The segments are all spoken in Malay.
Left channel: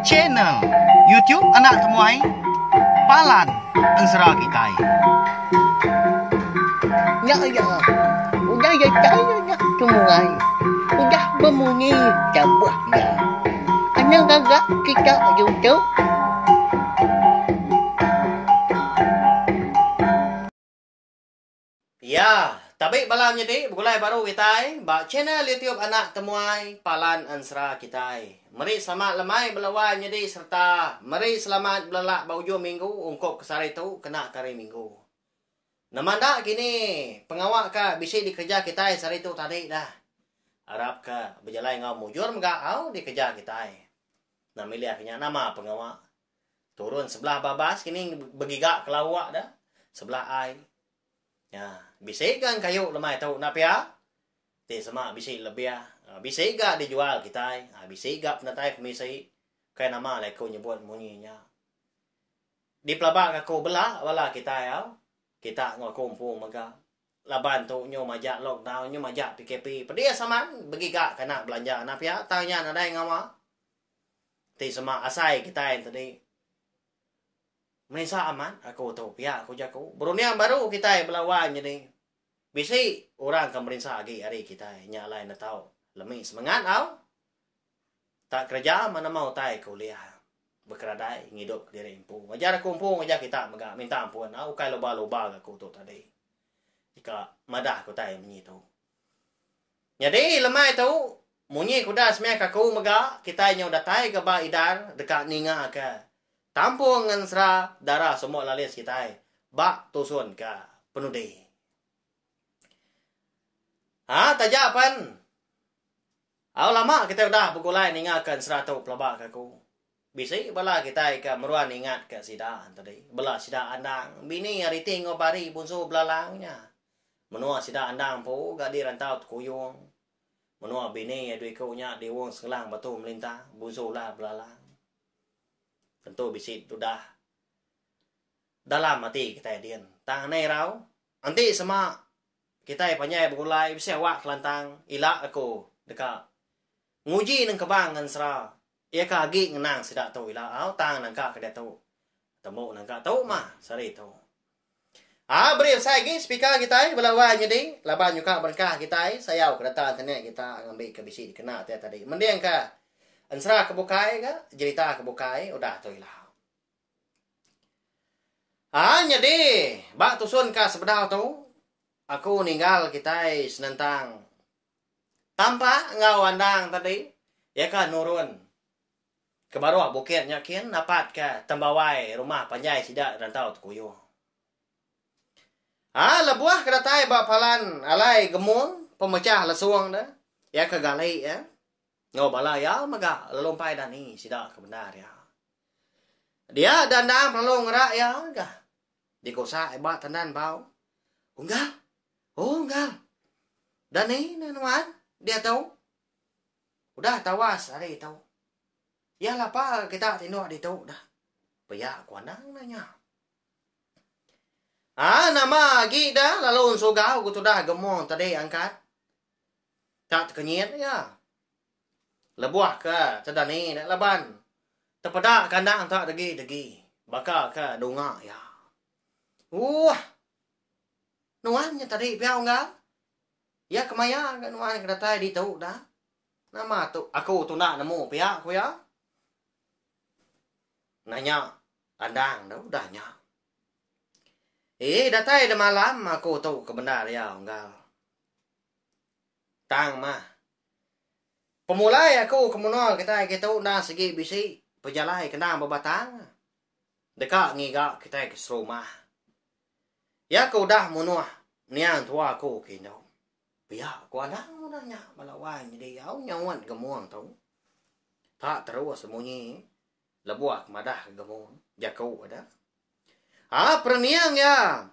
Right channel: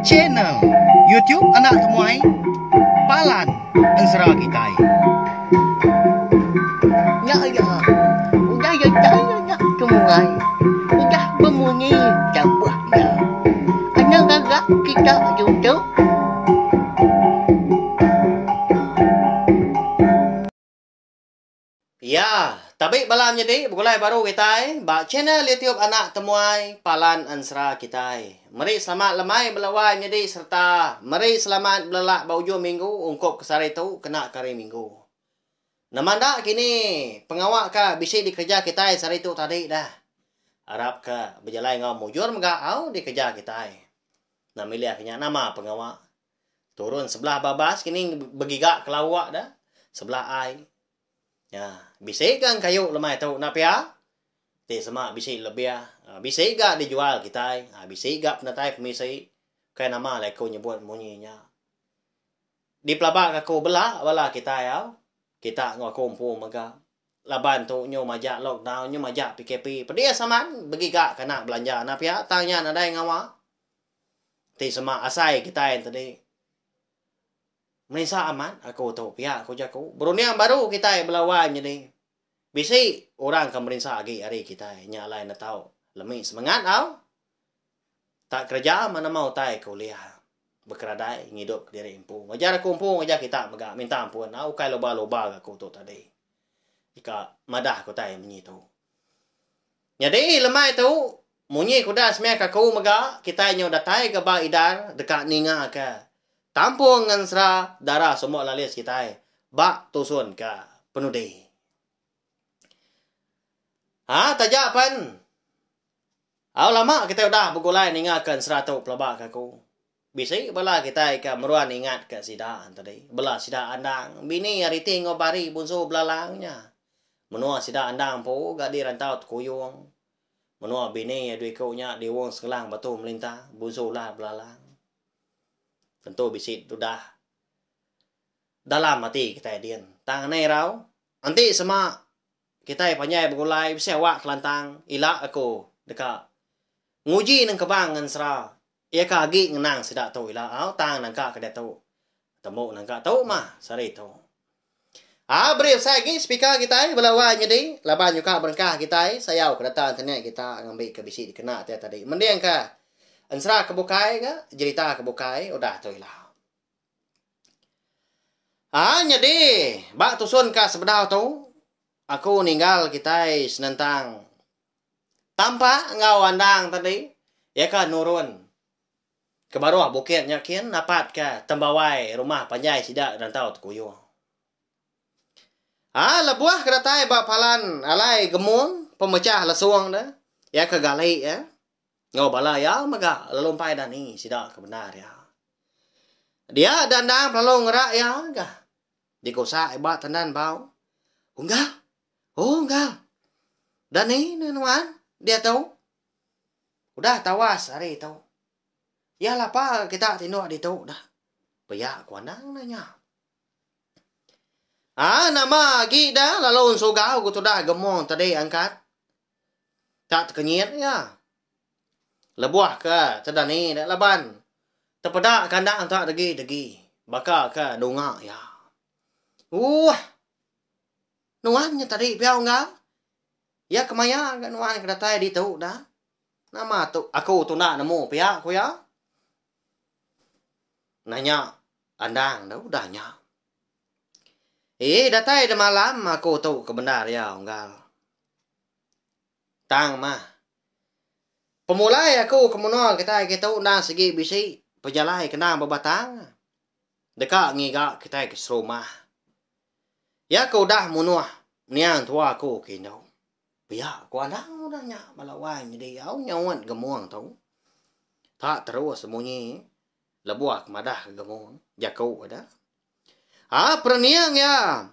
Channel YouTube Anak Temuai Palan Ansra Kitai. Ya, udah ya Anak Temuai, udah berbunyi cabutnya. Anak gagak kita YouTube. Ya, tapi malam jadi begulai baru kita ba channel YouTube Anak Temuai Palan Ansra kita. Mari selamat lemai belawai jadi serta mari selamat belak baujo minggu ungkop kesari tu kena kari minggu. Namanda kini pengawak ka bisi dikerja kita sari tu tadi dah. Harap ka berjalan ngau mujur mga au dikerja kita. Nah milih akhirnya nama pengawak. Turun sebelah babas kini begigak kelawak dah. Sebelah ai. Ya, bisik kan kayu lemai tahu nak pia? Ti sama bisik lebih bisik gak dijual kita. Bisik gak penatai pemisi. Kaya nama lai kau nyebut munyinya. Di pelabak aku belah wala kita ya. Kita ngau kumpul maga. Laban tu nyu majak lockdown, nyu majak PKP. Pedia saman bagi gak kena belanja nak pia? Tanya nadai ngawa. Ti sama asai kita yang tadi. Malaysia aman, aku tahu pihak aku jago. Brunei yang baru kita berlawan jadi. Bisi orang pemerintah lagi hari kita nyalai nak tahu. Lemih semangat tau. Tak kerja mana mau tai kuliah. Berkeradai ngidup diri impu. Ngajar aku impu ngajar kita megak minta ampun. Aku kai loba-loba aku tu tadi. Jika madah aku tai menyitu. Jadi lemah itu munyi kuda semek aku megak kita nyo datai ke ba idar dekat ninga ke. Tampung ngansra darah semua lalis kita bak tusun ke penudi. Tajapan. Lama kita udah begulai ningakan 100 pelabak aku. Bisi bala kita ke meruan ingat ke sidaan tadi. Bela sida andang. Bini hari tinggal bari bunso belalangnya. Menua sida andang po gak di rantau kuyung. Menua bini duit kaunya di wong sekelang batu melintah. Bunso lah belalang. Tentu bisit sudah dalam hati kita dian. Tang nai rau. Nanti sama kita panyai begulai bisa wak kelantang ilak aku dekat nguji nang kebang ngan sera. Ia kagi ngenang sidak tu ilak tang nangka kada tu. Temu nangka tu mah sari tu. Beri saya lagi speaker kita belawa jadi laban juga berkah kita saya kedatangan internet kita ngambil ke bisi dikena tadi. Mending ka ansra kebukai ke? Cerita kebukai, udah tu lah. Jadi, bak tusun ka sebedah tu, aku ninggal kita senentang. Tanpa ngau andang tadi, ya kan nurun. Ke bawah bukit nyakin, dapat ke tembawai rumah panjai sidak dan tahu tukuyo. Lebuah kedatai bak palan alai gemung, pemecah lesuang dah. Ya ke gali ya. Ngobala ya maga lompai dan ni sidak kebenar ya. Dia dandang lalu ngerak ya enggak. Di kosa ibat tandan bau. Enggak. Oh enggak. Dan ni nuan dia tahu. Udah tawas hari tahu. Ya lapa kita tinduk di tahu dah. Bayak kuandang nanya. Nama lagi dah lalu unsugau aku tu dah gemong tadi angkat. Tak kenyit ya. Lebuah ke tedani dak laban. Tepedak kandang tak degi. Bakal ke dongak ya. Nuannya tadi piau enggak? Ya kemaya enggak nuan kedatai di tu dah. Nama tu aku tu nak nemu pihak aku ya. Nanya andang dah udahnya. Datai dah malam aku tu kebenar ya enggak. Tang mah. Pemulai aku kemunol kita undang segi bisi pejalai kenang berbatang. Dekat ngigak kita ke rumah. Ya aku dah munuh niang tua aku kino. Biar aku andang udahnya malawan jadi au nyawan gemuang tu. Tak terus semunyi lebuak madah gemuang jakau ada. Perniang ya.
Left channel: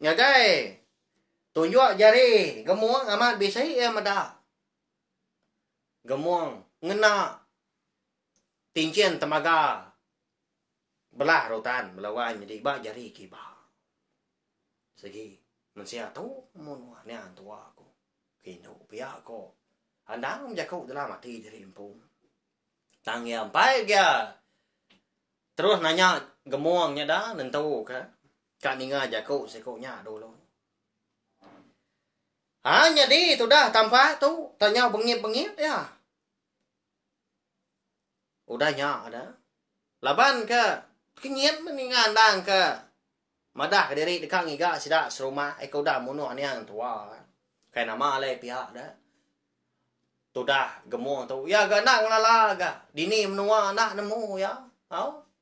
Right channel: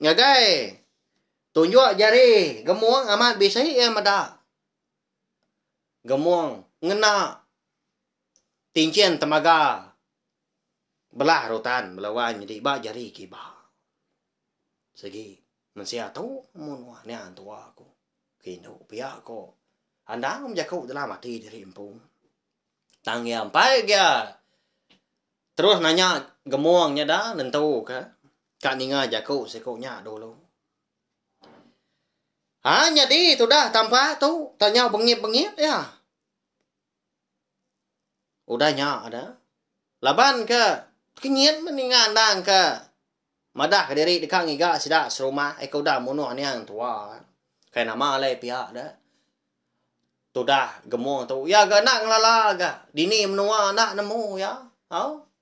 Ngagai. Tunjuk jari gemuang amat bisi ya madah. Gemuang, ngena, tincian temaga, belah rotan, belawan jadi bak jari kiba. Segi, mensia tu, munuh ni antua aku. Kino, pihak ko. andang menjaku dalam hati diri empu. Tangnya ampai dia. Terus nanya gemuangnya dah nentu ke. Kak ninga jaku sekonya dulu. Jadi itu dah tampak tu. Tanya bengip-bengip ya. Udahnya ada. Laban ke. Kenyit meningan andang ke. Madah ke diri dekat ngiga sidak serumah. Kau dah munuh ni yang tua. Kayak nama alai pihak dah. Tu dah gemuang tu. Ya gak nak ngelala gak. Dini menua nak nemu ya.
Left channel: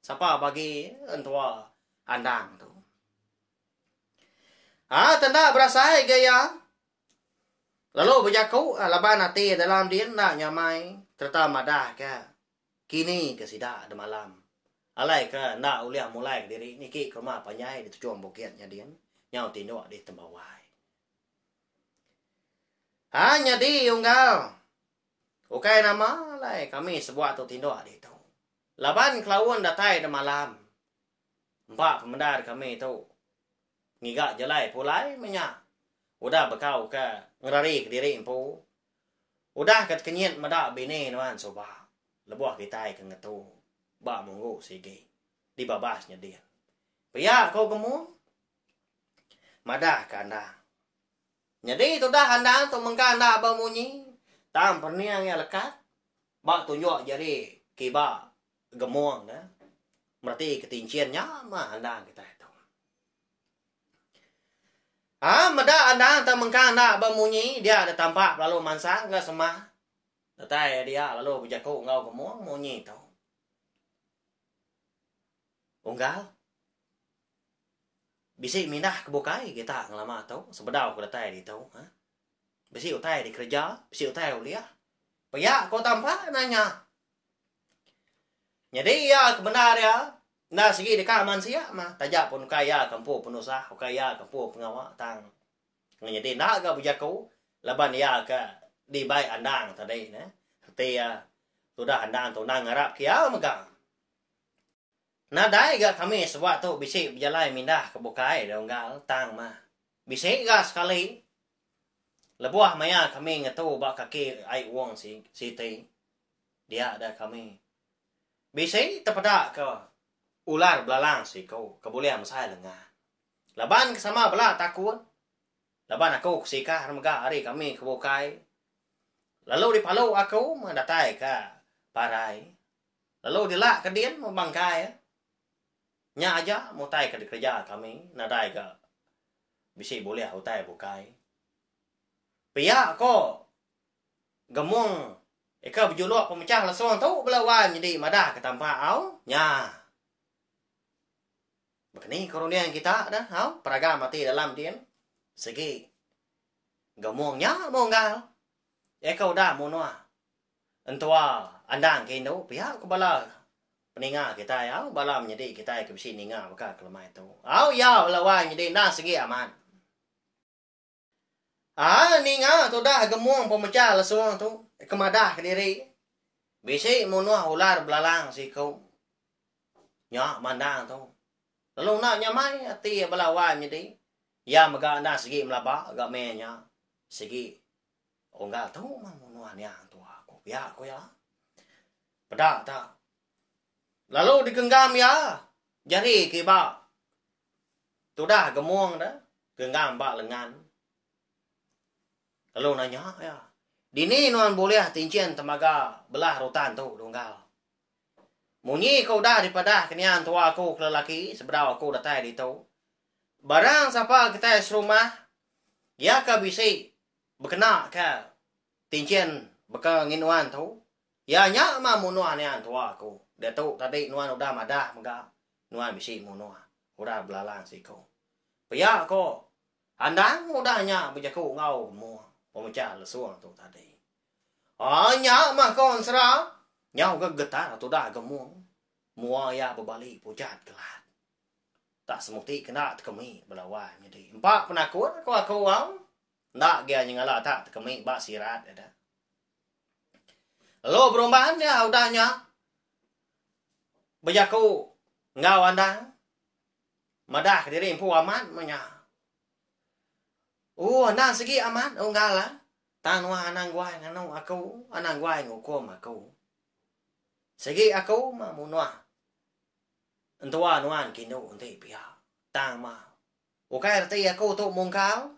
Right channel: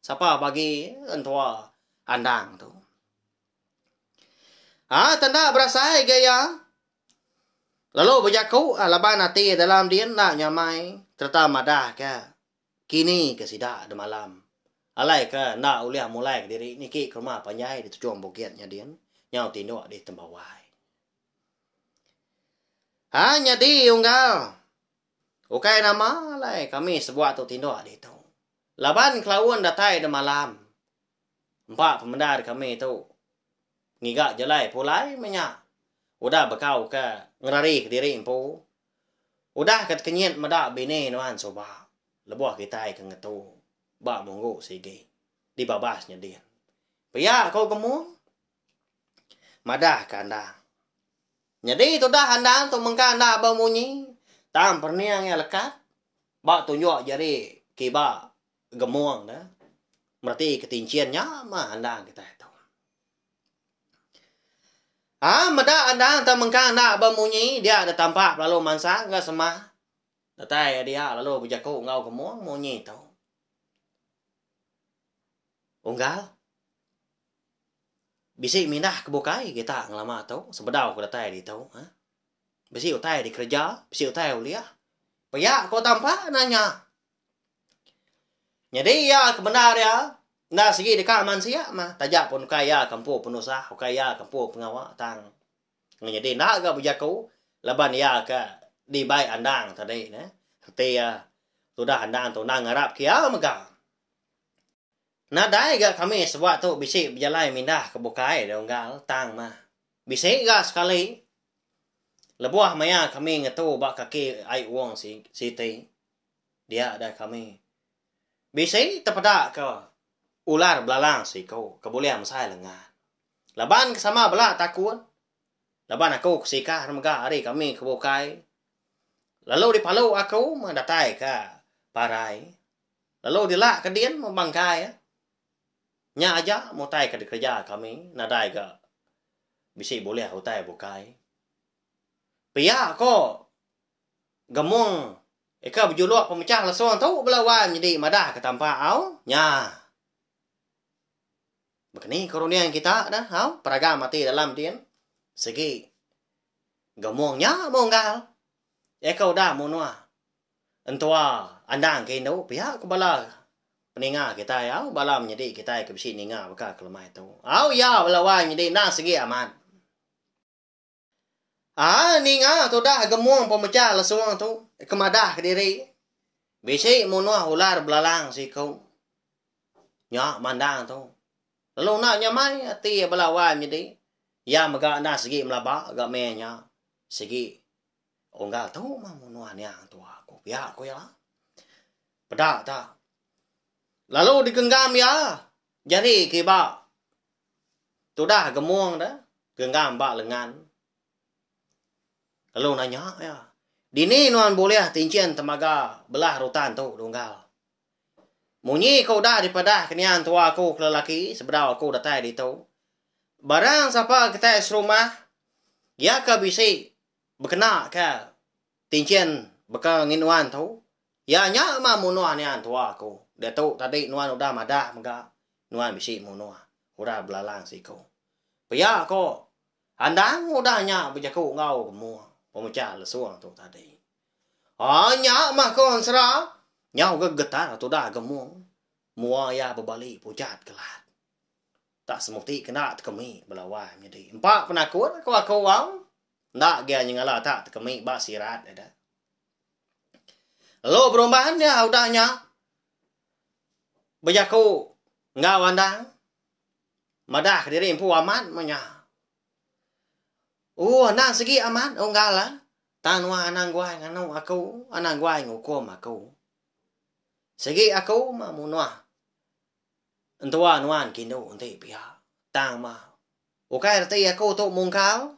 Siapa bagi antua andang tu. Tanda berasa gaya. Lalu berjaku laban hati dalam dia nak nyamai. Terta madah ke. Kini ke sidak ada malam. Alai ke nak uliah mulai ke diri. Niki ke rumah panyai di tujuan bukitnya dia. Nyau tinduk di tembawai. Jadi unggal. Ukai nama alai kami sebuah tu tinduk di tu. Laban kelawan datai ada malam. Empat pemendar kami tu. Ngigak jelai pulai menyak. Udah bekau ke ngerari ke diri empu. Udah kat kenyit madak bini nuan soba. Lebuah kita ke ngetu. Bak munggu sige. Di babasnya dia. Pia kau kemu. Madah ke anda. Jadi tu dah anda tu mengka anda bermunyi. Tam perniang yang lekat. Bak tunjuk jari kiba gemuang dah. Berarti ketinciannya mah anda kita itu. Mada anda tak mengka nak bermunyi. Dia ada tampak lalu mansa ke semah. Datai dia lalu berjaku ngau gemuang munyi tu. Unggal. Bisik mindah kebukai kita ngelama tu. Sebedau ke datai di tu. Bisik utai di kerja. Bisik utai uliah. Paya kau tampak nanya. Jadi ya kebenar ya. Nah segi dekat manusia mah. Tajak pun kaya kampu penusah. Kaya kampu pengawak tang. Jadi nak ke berjaku. Leban ya ke di baik andang tadi. Hati ya. Sudah andang tu nang harap kia megang. Nah dai ga kami sebab tu bisik berjalan mindah ke bukai donggal tang mah. Bisik ga sekali. Lebuah maya kami ngetu bak kaki ai wong si siti. Dia ada kami. Bisik terpedak ke ular belalang si kau. Kebolehan saya lengah. Laban sama belah takut. Laban aku kesikah remega hari kami ke bukai. Lalu di palau aku mendatai ke parai. Lalu dilak ke dian membangkai. Nya aja mau tai ke kerja kami. Nadai ke. Bisik boleh utai bukai. Pia ko. Gemung. Eka berjuluk pemecah lasuang tu belawan jadi madah ke tampak au. Nya. Begini kerunian kita dah. Au. Peraga mati dalam dia. Segi. Gemungnya monggal. Eka udah munua. Entua andang ke Indo. Pia kebala. Peninga kita ya. Balam jadi kita ke besi ninga. Baka kelemah itu. Au ya belawan jadi nak segi aman. Ninga tu dah gemuang pemecah lasuang tu. Kemadah ke diri. Bisik munua ular belalang si kau. Ya mandang tu. Lalu nak nyamai hati belawan jadi. Ya megak anda segi melabak agak menya. Segi. Enggak tahu mah munua ni yang tua aku. Ya aku ya. Pedak tak. Lalu digenggam ya. Jadi kiba. Tu dah gemuang dah. Genggam bak lengan. Lalu nanya ya. Dini nuan boleh tincian temaga belah rotan tu donggal. Munyi kau dah daripada kenian tua aku ke lelaki. Sebedau aku datai di tu. Barang siapa kita serumah. Ya ke bisi. Berkena ke. Tincian beka nginuan tu. Ya nya mah munuan yang tua aku. Dia tu tadi nuan udah madah mega. Nuan bisi munua. Udah belalang si kau. Pia ko. Andang udahnya berjaku ngau semua. Pemecah lesuang tu tadi. Nya mah kon serah. Nyau gegetar tu dah gemuang. Mua ya berbalik pucat kelat. Tak semukti kena tekemi belawan jadi. Empat penakut aku wang. Nak dia nyengala tak tekemi bak sirat ada. Lalu perubahan dia udahnya. Berjaku ngau andang. Madah diri empu aman menya. Nak segi aman, enggak lah. Tanwa anang guay ngano ako, anang guay ngukom ako. Sige ako mamunwa. Antawa nuan kino unti piya. Tang ma. Okay rati ako to mungkaw.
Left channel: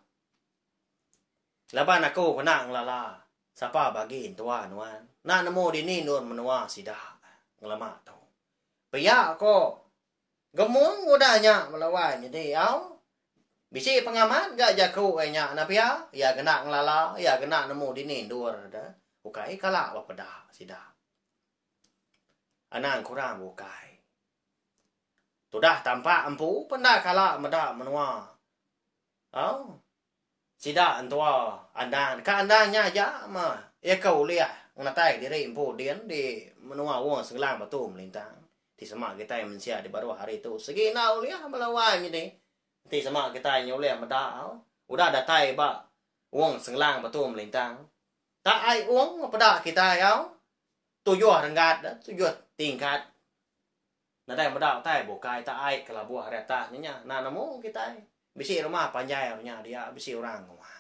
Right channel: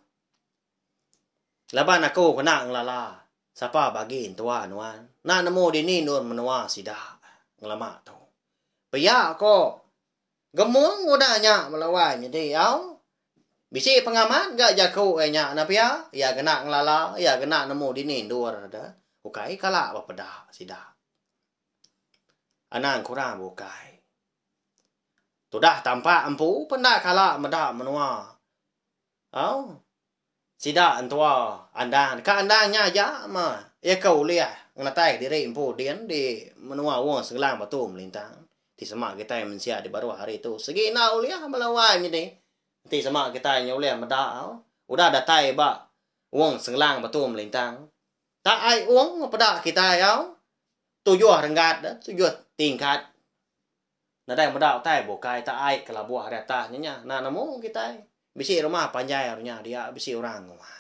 Laban ako kana ang lala. Sapa bagi antawa nuan. Na namo dini nun manwa sida. Nglama to. Piya ako. Gamong udah nya malaway nya di aw. Bisi pengaman ga jako ay nya na piya. Ya kena nglala, ya kena namo dini dur da. Okay kala wapada sida. Anang kurang bukai. Tudah tampak empu penda kala meda menua. Oh. Sida antua andang ka andangnya aja ma. Ya kau liah ngatai diri empu dian di menua wong segelang batum lintang. Ti sama kita yang mensia di baru hari itu. Segi na uliah melawai ni. Ti sama kita yang uliah meda. Udah datai ba wong segelang batum lintang. Tak ai uang pada kita ya. Tujuh renggat dah, tujuh tingkat. Nadai medal tai bokai tak ai kalau buah rata nya na namo kita. Bisi rumah panjai nya dia bisi orang ngomah.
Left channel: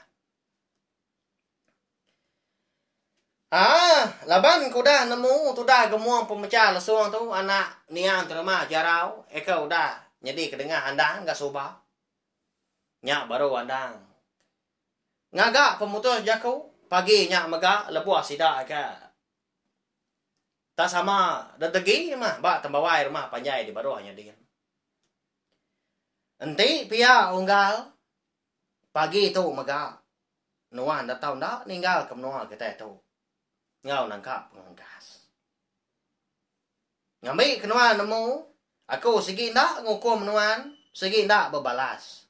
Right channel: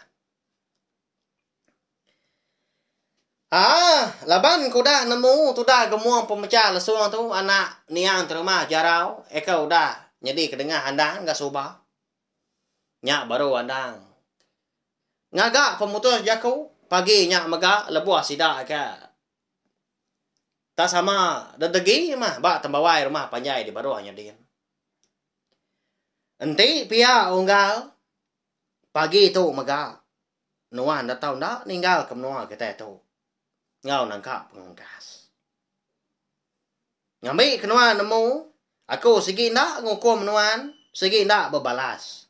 Laban kuda nemu tuda gemuang pemecah lesung tu anak niang terima jarau eka udah jadi kedengar handang enggak soba. Nya baru handang. Ngagak pemutus jaku pagi nya maga lebuah sida ka. Tak sama dedegi mah ba tambawai rumah panjai di baru hanya dia. Enti pia unggal pagi tu maga. Nuan datang dak ninggal ke menua kita tu. Ngau nangkap pengangkas. Ngambil kenuan nemu. Aku segi nak ngukum nuan. Segi nak berbalas.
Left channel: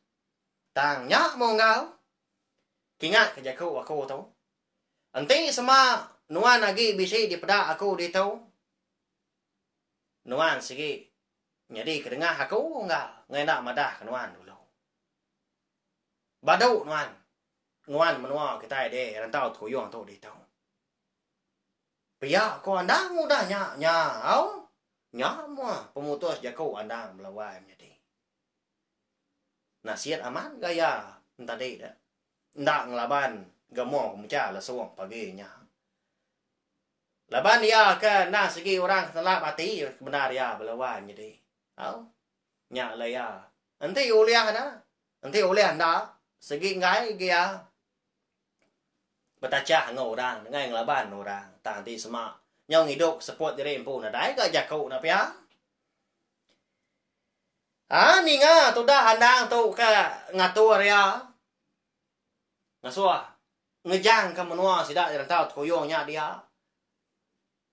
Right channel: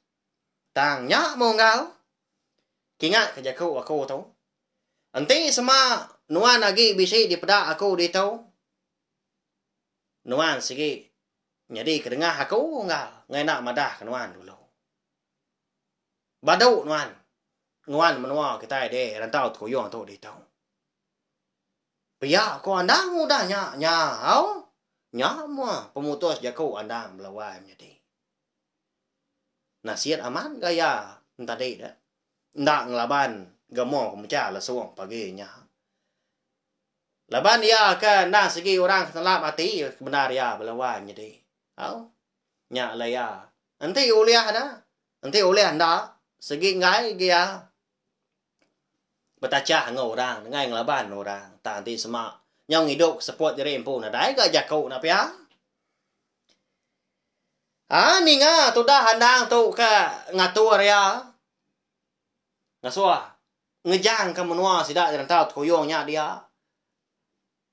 Tang nyak munggal. Kingat kejaku aku tu. Enti sama nuan lagi bisi di pedak aku di tu. Nuan segi. Jadi kedengah aku enggak. Ngai nak madah kenuan dulu. Badau nuan. Nuan menua kita de rantau tuyong tu di tu. Pia ko andang udah nya au nya mo pemutus jaku andang melawai jadi nasihat aman gaya tadi dah ndak ngelaban gamo pemecah lesung pagi nya laban dia kan nah segi orang telap hati benar ya melawai jadi au nya laya nanti uliah dah nanti uliah ndak segi ngai dia Betaca ngau orang dengan ngelaban orang tanti semak nyong hidup support diri empu na dai ga jakau na pia ni nga tu dah handang tu ka ngatur ya ngasua ngejang ka menua sida dan tau koyongnya dia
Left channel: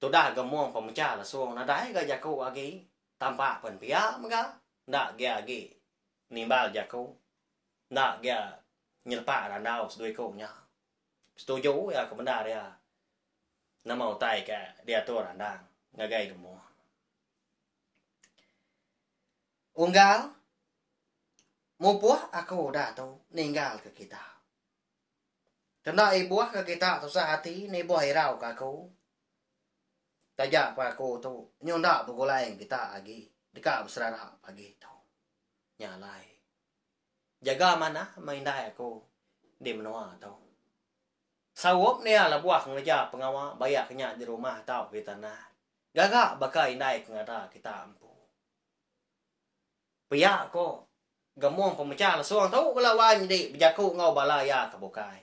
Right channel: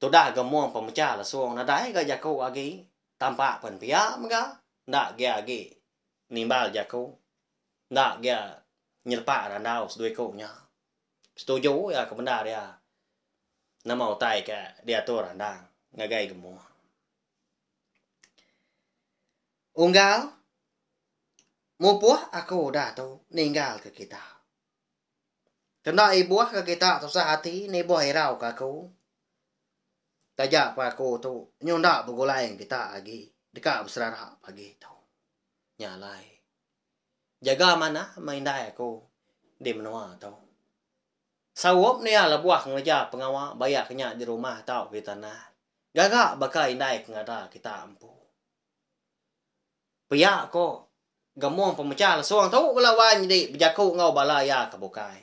tu dah gemuang pemecah lasung na dai ga jakau agi tampak pen pia mga ndak ge agi nimbal jakau ndak ge nyelpa randau sedui ko nya setuju ya kebenar ya. Nama utai ke dia tu randang ngagai gemuk. Unggal mupuah aku dah tu ninggal ke kita. Kena ibuah ke kita tu sehati ni buah irau ke aku. Tajak pa aku tu nyunda pugulai kita lagi dekat berserah pagi tu. Nyalai. Jaga mana main dai aku di menua tu. Sawop ni ala buah ngeja pengawa bayar kenya di rumah tau kita nah. Gagak bakai naik ngada kita ampu. Pia ko gamong pemecah lasung tau kelawan di bejaku ngau balaya ka bukai.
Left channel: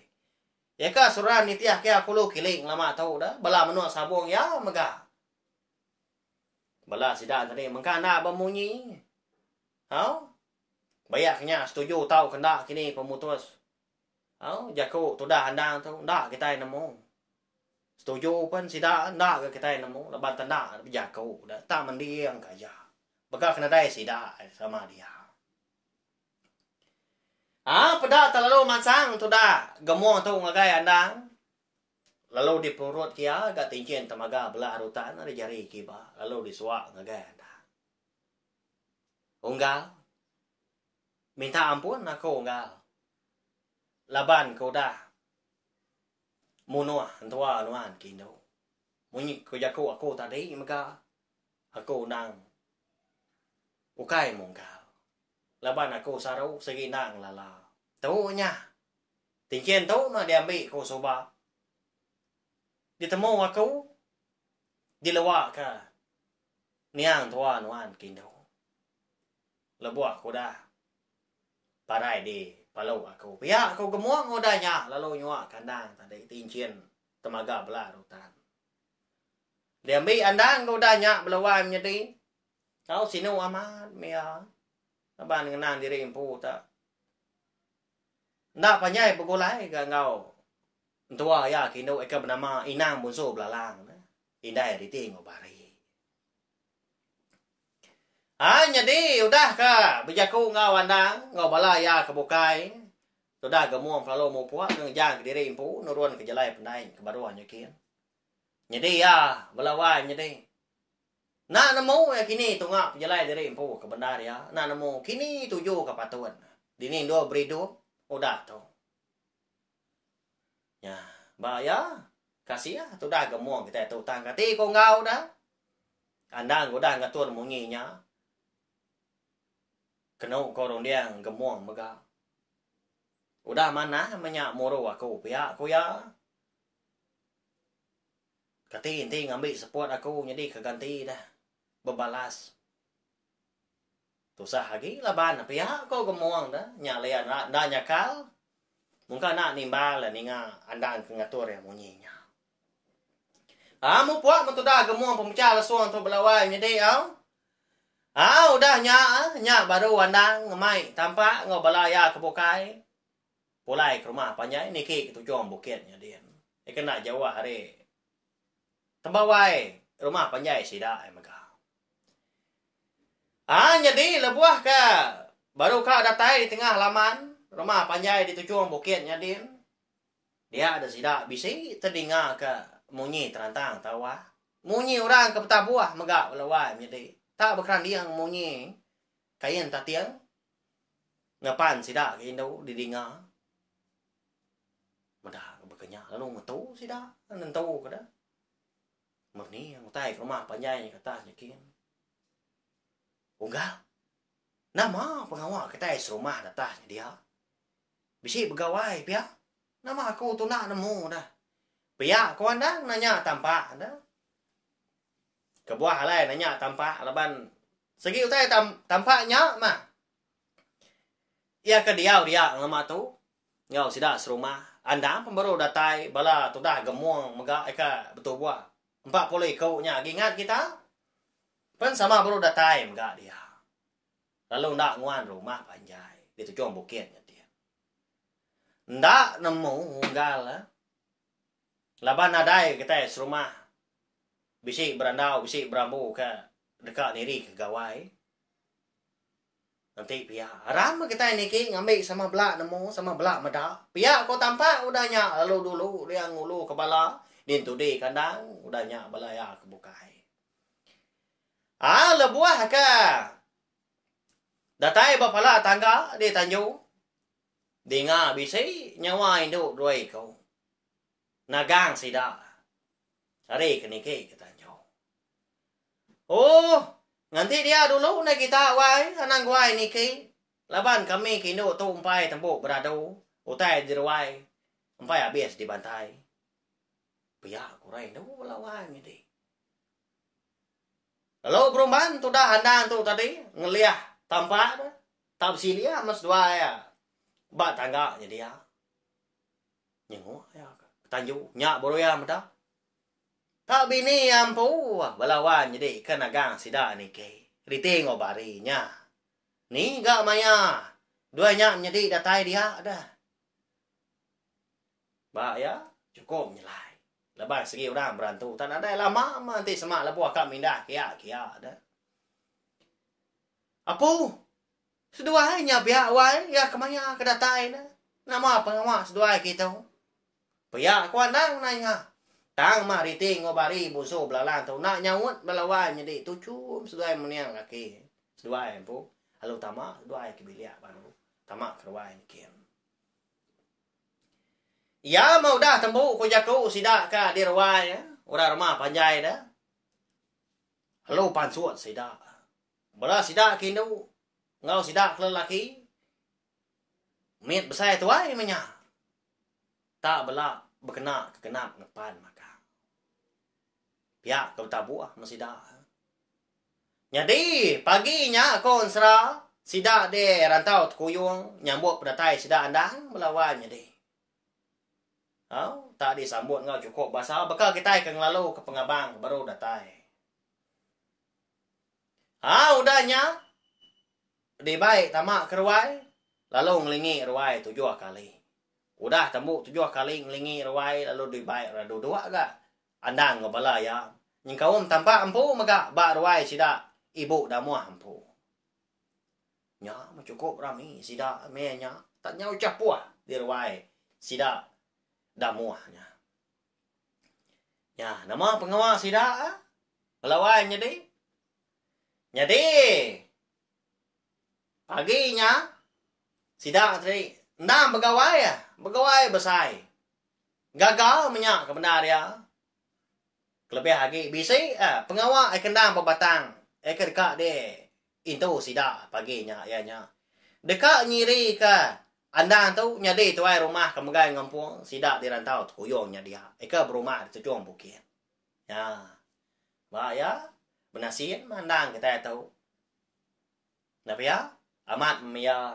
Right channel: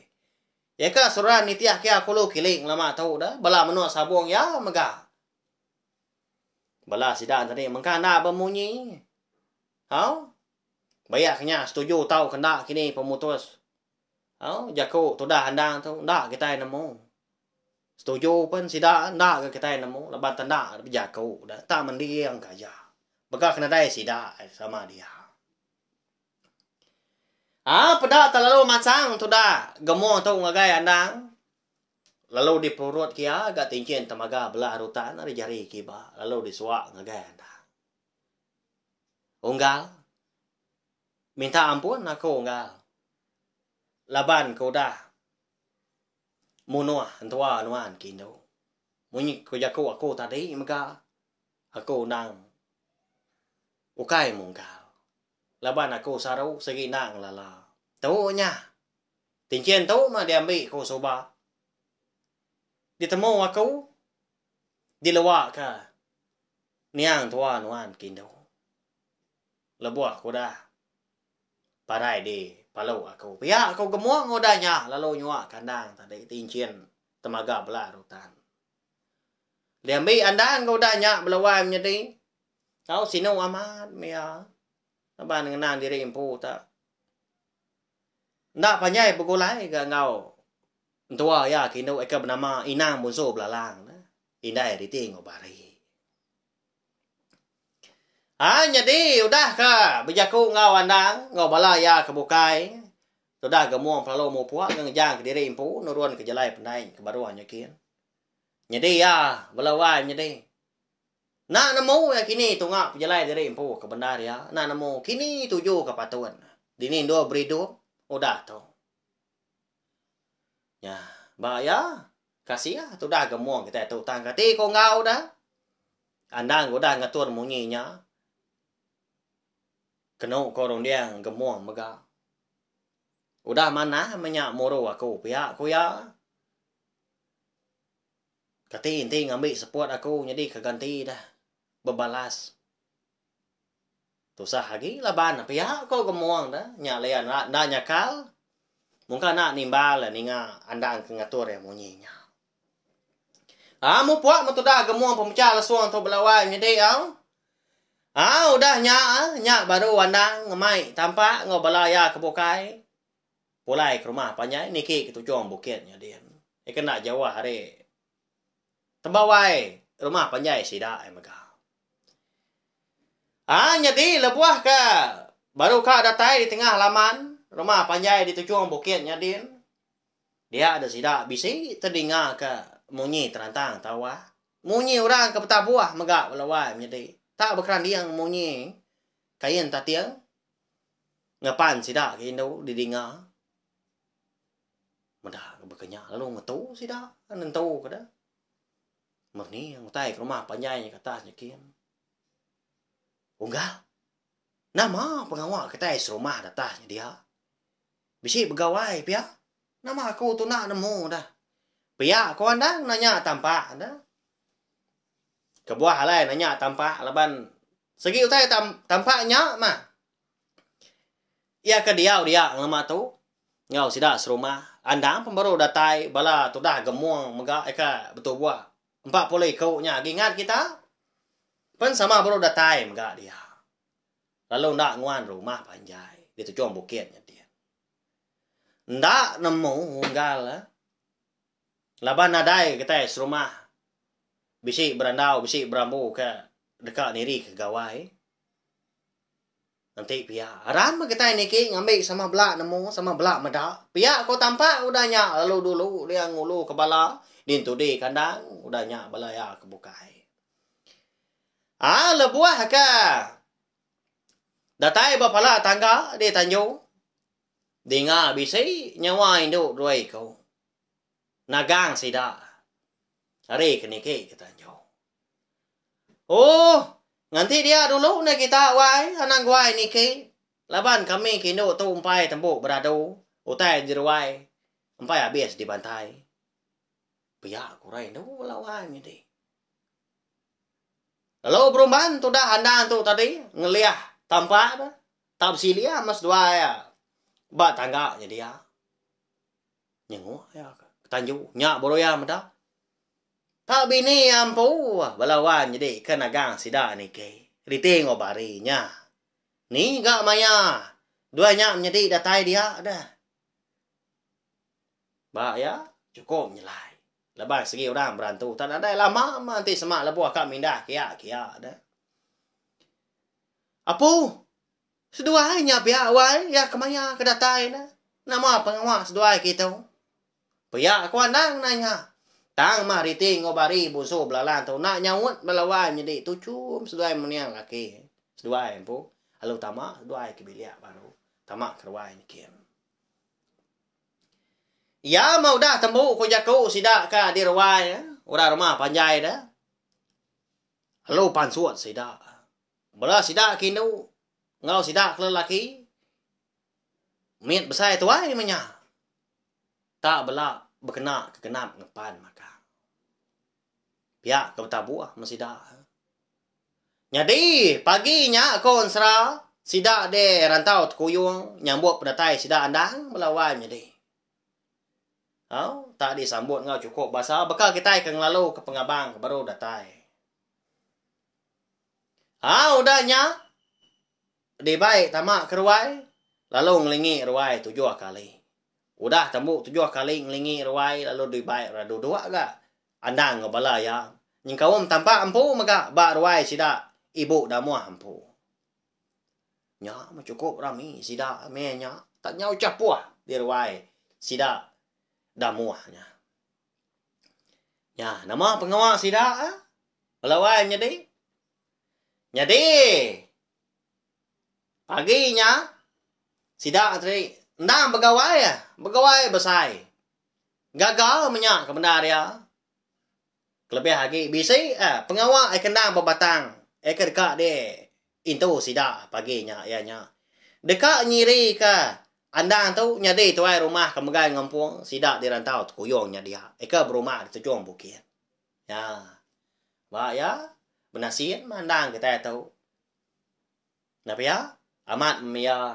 Ya ka suran ni tiah kia kulo kiling lama tau dah bala menua sabung ya mega. Bala sidan tadi mengkana bemunyi. Hau? Bayar kenya setuju tau kena kini pemutus. Jaku tu dah handang tu ndak kita nemu. Setuju pun sida ndak kita nemu lebat ndak jaku dah tak mendiang kaja. Bekak kena dai sida sama dia. Pada terlalu masang tu dah gemo tu ngagai andang. Lalu di perut kia agak tinggian temaga belah rutan ada jari kiba lalu disuak ngagai andang. Unggal minta ampun aku unggal. Laban ko dah munua antua anuan kindo munyi ko jaku aku tadi maka aku nang ukai mungkal laban aku saru segi nang lala tu nya tingkian tu mah diambil ko soba ditemu aku dilawak ka niang tua nuan kindo lebuah ko dah parai di palau aku pihak aku gemuang odanya lalu nyuak kandang tadi tincin temaga belah rutan diambil andang odanya belawai menjadi kau sino amat mia aban ngenang diri impu tak ndak panyai begulai ga ngau tua ya kindo eka bernama inang bunso belalang indai riting obari jadi udah ka bejaku ngau andang ngau balaya kebukai sudah gemuang pelalu mau puak ngejang ke diri impu nuruan ke jalai pendai ke baruan yakin jadi ya belawai jadi nak nemu ya kini tungak pejalai diri impu ke bandar ya nak nemu kini tuju ke patuan dini dua beridu udah tu ya bahaya kasih ya sudah gemuang kita tu tang kati ko ngau dah andang udah ngatur munyinya kena korong dia gemuang mega udah mana menyak moro aku pihak aku ya kati inti ngambil support aku jadi keganti dah bebalas tusah lagi laban pihak aku gemuang dah nyalean nak nyakal mungkin nak nimbal lah ninga andang ngatur yang munyinya mu puak mutudah gemuang pemecah lasuang tu belawai jadi udah nyak baru andang ngemai tampak ngobalaya kebukai pulai ke rumah panjang niki itu juang bukitnya dia kena Jawa hari tembawai rumah panjang sida mega jadi lebuah ka baru ka datai di tengah halaman rumah panjang di tujuan bukitnya dia ada sida bisi terdengar ke munyi terantang tawa munyi orang ke peta buah mega belawai jadi tak berkeran dia yang munyi kain tatiang ngapan sida kindo didengar mudah bekerja lalu metu sida nentu kada merni yang utai ke rumah panjangnya katasnya kian unggal nama pengawal kita rumah datanya dia bisi begawai pia nama aku tu nak nemu dah pia aku andang nanya tampak dah kebuah halai nanya tampak laban segi utai tampaknya mah ya ke dia ngema tu ngau sida serumah andang pembaru datai bala tu dah gemuang mega eka betul buah 40 kau nya ingat kita pen sama baru datai mega dia lalu ndak nguan rumah panjai di tujuan bukitnya dia ndak nemu unggal laban adai kita serumah bisi berandau bisi berambu ke dekat niri ke gawai nanti pihak aram kita ini ki ngambil sama belak nemu sama belak medak pihak kau tampak udahnya lalu dulu dia ngulu ke bala dintu di kandang udahnya balaya kebukai lebuah ka datai bapala tangga di tanjung dinga bisi nyawa induk doi kau nagang sida hari kini ki kita nanti dia dulu na kita wai anang wai niki laban kami kindo tu umpai tembuk beradu utai dirwai umpai habis dibantai pihak kurai do lawai ni lalu berumban tu dah handang tu tadi ngeliah tampak dah tak silia mas dua ya ba tangga nya dia nyengu ya tanjung nyak boroya meda tak bini ampu balawan jadi kenagang sida ni ke riting obarinya ni gak maya duanya menjadi datai dia ada ba ya cukup nyelai lepas segi orang berantu tak ada lama nanti semak lebuah kak mindah kia ada apu seduanya pihak wai ya kemaya ke datai dah nama pengawas sedua kita pihak aku andang nanya tang mah riting ngobari busu belalang tu nak nyawut belawan jadi tucum seduai meniang kaki seduai empu halu tamak seduai kebilia baru tamak kerwai nikian ya mau dah tembu ko jaku sida ka di rawai ora rumah panjai dah halu pansuat sida bala sida kinu ngau sida lelaki mit besar tuai menya tak bela berkena kegenap ngepan maka Pihak ke buah masida. Jadi paginya kon sera sida de rantau kuyung nyambut pedatai sida andang melawan jadi. Tak disambut ngau cukup bahasa bekal kita ke ngelalu ke pengabang baru datai. Udahnya di baik tamak keruai lalu ngelingi ruai 7 kali. Udah tembuk 7 kali ngelingi ruai lalu di baik radu 2 ga. Andang ngobala ya. Nying kawum tampak ampu maga ba ruai sida ibu dah muah ampu. Nya cukup rami sida menya tak nyau capuah di ruai sida dah muahnya. Ya, nama pengawas sida pelawai jadi. Jadi paginya sida tadi ndang begawai besai. Gagal menyak ke benar ya. Kelebih lagi bisi pengawal ai kendang berbatang ai dekat de itu sida paginya ianya dekat nyiri ke andang tu nyadi tuai rumah kemegai ngampung sida di rantau kuyongnya dia ai ke berumah di tujuan bukit ya ba ya benasian mandang kita tahu tapi ya amat mia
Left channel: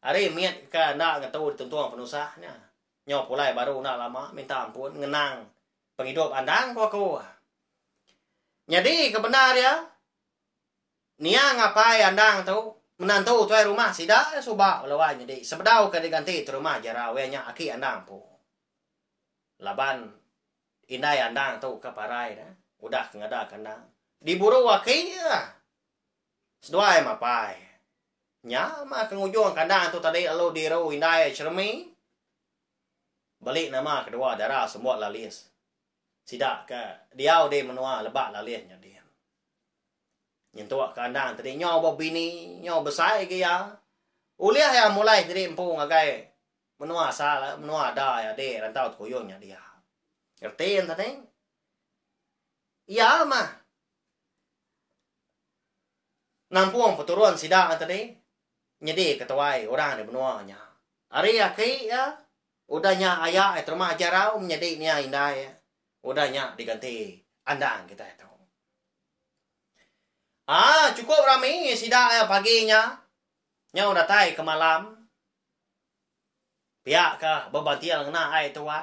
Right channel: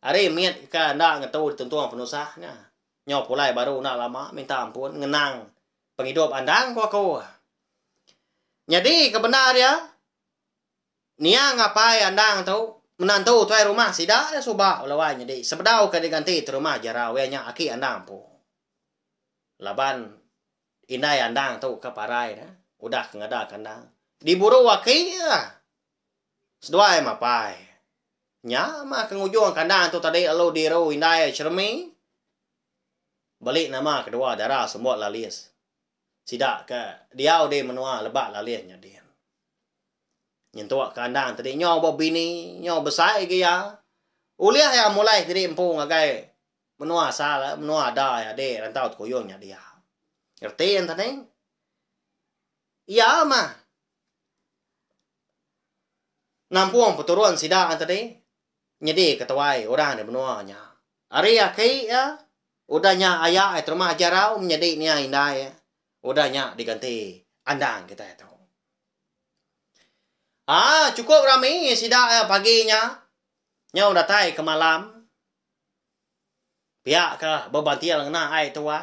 hari miet ke anda ngatu tentuan penusahnya nyop pulai baru nak lama minta ampun ngenang penghidup andang kok. Jadi kebenar ya. Nia ngapai andang tu menantu tuai rumah sida subak lawan jadi sebedau ke diganti tu rumah jarawenya aki andang po. Laban indai andang tu ke parai dah. Udah ngada kandang. Diburu waki ya. Seduai mapai. Nya mah kengujung kandang tu tadi alo diru indai cermi. Balik nama kedua darah semua lalis. Sidak ke dia de menua lebak lalihnya dia. Nyentuak kandang tadi nyaw bini nyaw besar ke ya. Uliah yang mulai tadi empung agai menua salah menua ada ya de rantau kuyungnya dia. Ngertiin tadi? Iya mah. Nampung peturun sidak tadi. Nyedi ketuai orang de menuanya. Ari aki ya. Udahnya ayah itu rumah jarau menjadi ni indai ya. Udahnya diganti andang kita itu. Cukup rami sida paginya. Nya udah tai ke malam. Pihak ke bebantian ngena ai tua.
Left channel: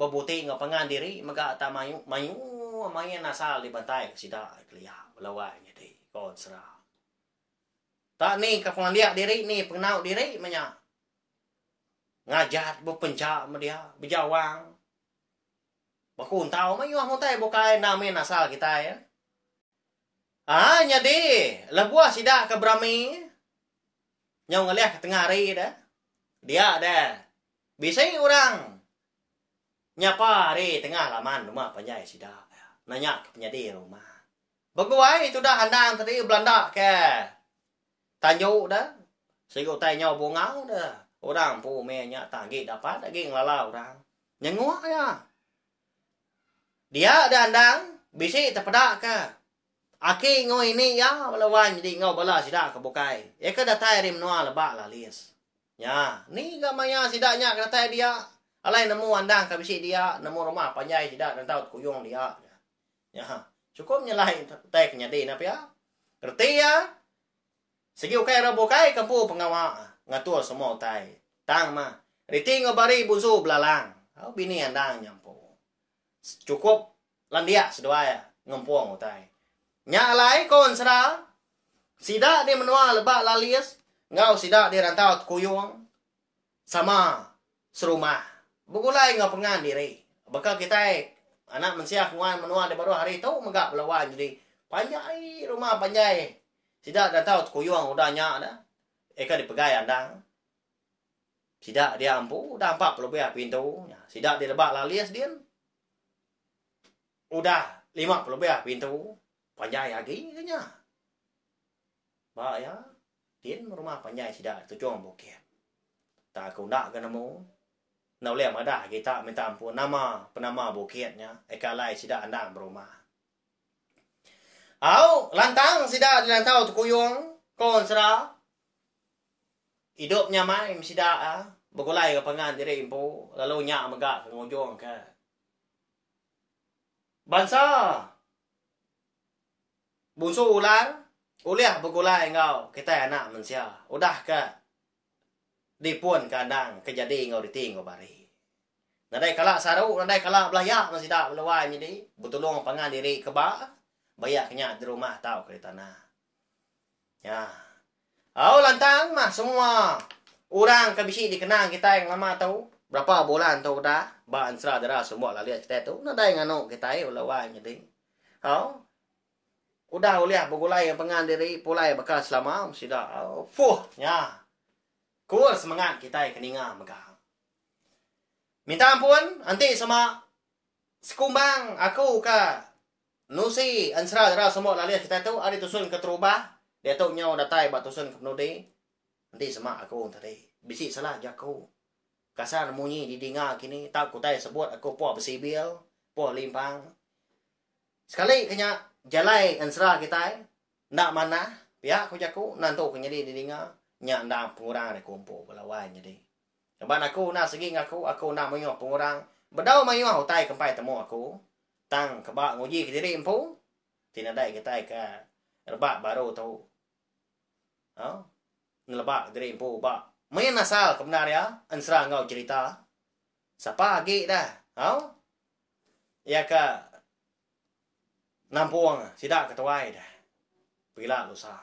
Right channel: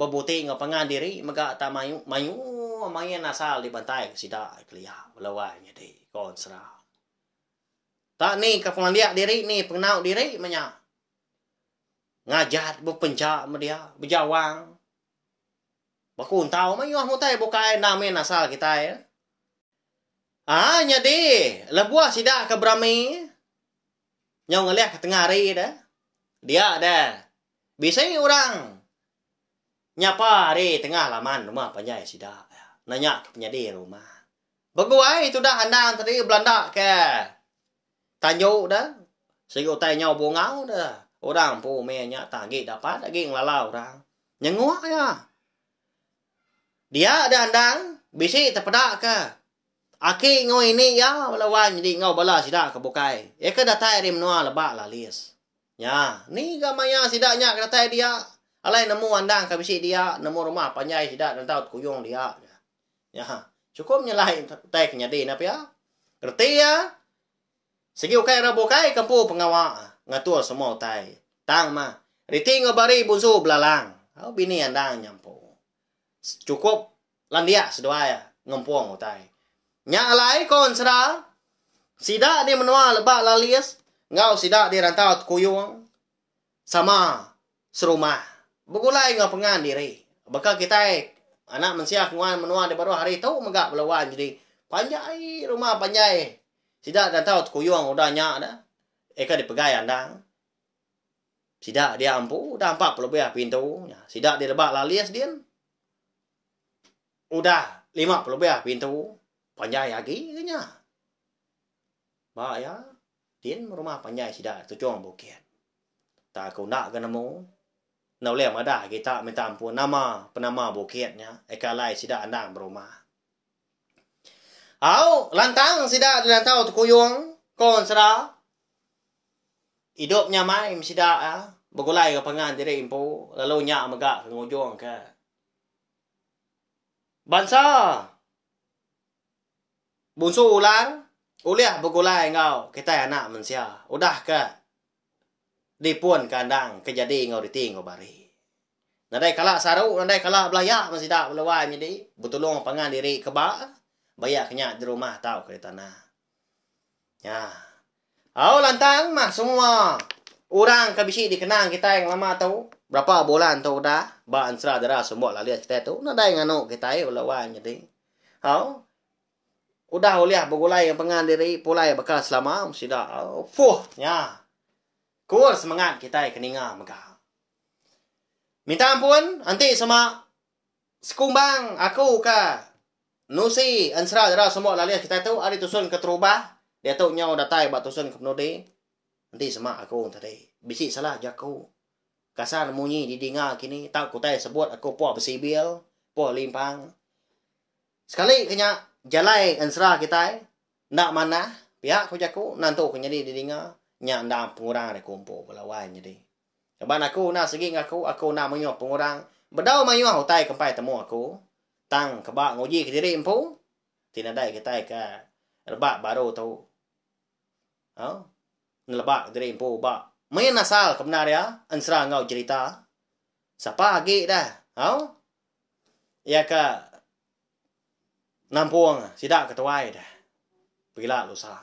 Bebuti ngapangan diri mega ta mayu asal dibantai sida kelia belawanya di konsra. Tak ni ke pengliak diri ni pengnau diri manya. Ngajat berpencak dia berjawang. Bakun tahu mah mau tay bukai namen asal kita ya. Jadi lebuah sida ke Brami. Nyau ngeliat ke tengah hari dah. Dia dah. Bisa orang nyapa hari tengah laman rumah panjai sida. Nanya ke penyadi rumah. Beguai itu dah andang tadi Belanda ke Tanjung dah. Sego tay nyau bungau dah. Orang pu menya tagi dapat lagi ngelalau orang. Nyengua ya. Dia ada andang, bisi terpedak ke. Aki ngau ini ya, lawan jadi ngau bala sida ke bukai. Eka datai rim noa lebak lalis. Ya, ni gamanya sidanya ke datai dia. Alai nemu andang ke bisi dia, nemu rumah panjai sida dan tahu kuyung dia. Ya, cukup nyalain tai kenyadi napa ya. Kerti ya. Segi ukai rabukai kampu pengawa ngatur semua tai. Tang mah. Riti ngabari busu belalang. Bini andang nyampu. Cukup landia sedua ya ngempung utai. Nya alai kon sera sida di menua lebak lalis ngau sida di rantau kuyung sama serumah. Begulai ngapengan diri. Bakal kita anak mensiak nguan menua di baru hari itu megak belawan jadi panjai rumah panjai. Sida rantau kuyung udahnya ada. Eka dipegai andang. Sida dia ampu udah 40 lebih pintu. Sida di lebak lalis dia. Udah 50 lebih pintu. Panjai lagi nya. Ba ya. Din rumah panjai sida tujuan bukit. Tak kau nak ke nemu. Nau lem ada kita minta ampun nama penama bukitnya. Eka lai sida andang berumah. Lantang sida di lantau kuyung kon sera. Hidupnya main sida ya. Begulai ke pengan diri impu lalu nya megak ke ngujung ke. Bangsa Bunsu ular, uliah begulai ngau kita anak manusia. Udah ke dipun kandang kejadi ngau diting ngau bari. Nadai kalak saru, nadai kalak belayak masih tak belawai jadi. Betulung pangan diri kebak, bayak kenyak di rumah tahu ke tanah. Ya. Au lantang mah semua orang kabisi dikenang kita yang lama tahu. Berapa bulan tahu dah, ba ansra darah semua lalia kita tu. Nadai nganu kita belawai jadi. Au udah uliah begulai yang pangan diri pulai bakal selama mesti dah. Fuh, ya. Kur semangat kita keninga megah. Minta ampun, nanti sama sekumbang aku ka nusi ansra darah semua lalia kita tu ari tusun ke terubah. Dia tu nyau datai ba tusun ke penudi. Nanti sama aku tadi. Bisi salah jaku. Kasar munyi di dinga kini tak kutai sebut aku puah besibil, puah limpang. Sekali kenya jalai ansra kita ndak mana pihak ku jaku nantu kenyadi di dinga nya ndak pengurang ada kumpul belawai jadi. Sebab aku nak segi aku nak menyuah pengurang. Bedau menyuah utai kempai temu aku. Tang kebak nguji ke diri empu. Tidak ada kita ke rebak baru tahu. Ngelebak diri empu bak. Main asal kebenar ya. Ansra ngau cerita. Siapa lagi dah. Ya ke nampung sidak ketuai dah. Pergilah lusa.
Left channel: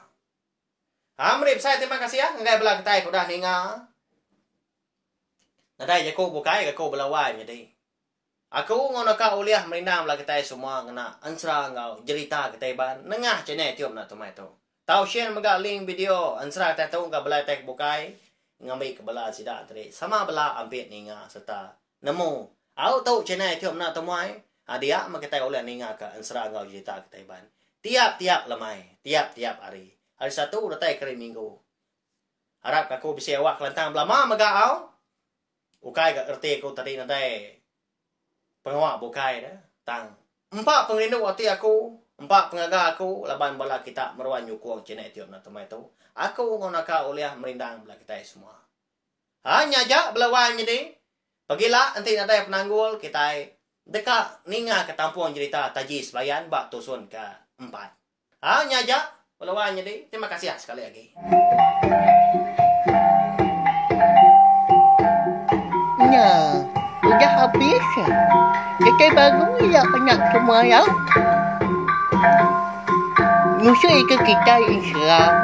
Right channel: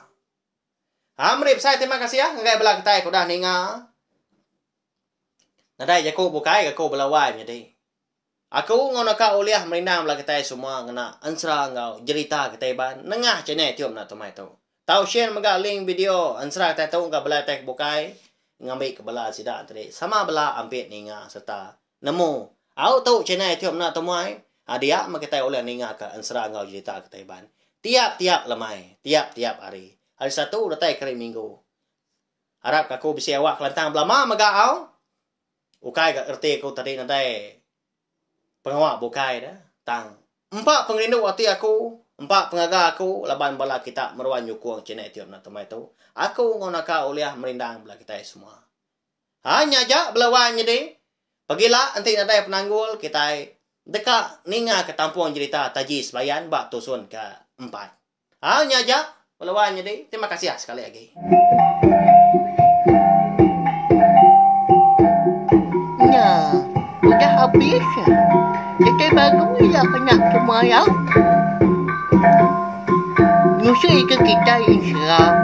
Amrip saya terima kasih ya. Ngai belah kita aku dah ninga. Nadai aku bukai aku belawai jadi. Aku ngono ka uliah merindang belah kita semua ngena ansra ngau cerita kita ban nengah channel tiup na tomai tu. Tau share mega link video ansra kita tu ka belah tek bukai ngambil ke belah sidak tadi. Sama belah ampit ninga serta nemu. Au tu channel tiup na tomai. Adia mak kita uliah ninga ka ansra ngau cerita kita ban. Tiap-tiap lemai, tiap-tiap hari. Hari satu datai kali minggu. Harap aku bisa awak kelantang belama mega au. Ukai gak erti aku tadi nadai pengawak bukai dah. Tang. 4 pengrindu hati aku. 4 pengaga aku. Laban bala kita meruan nyukuang cina etiop na temai tu. Aku ngonaka uliah merindang bala kita semua. Hanya aja belawan jadi. Pagilah nanti nadai penanggul kita dekat ninga ke tampung cerita taji selayan bak tusun ke 4. Hanya aja belawan jadi. Terima kasih sekali lagi. Udah habis. Kita baru ya kena semua ya. Nyusul ke kita Islam.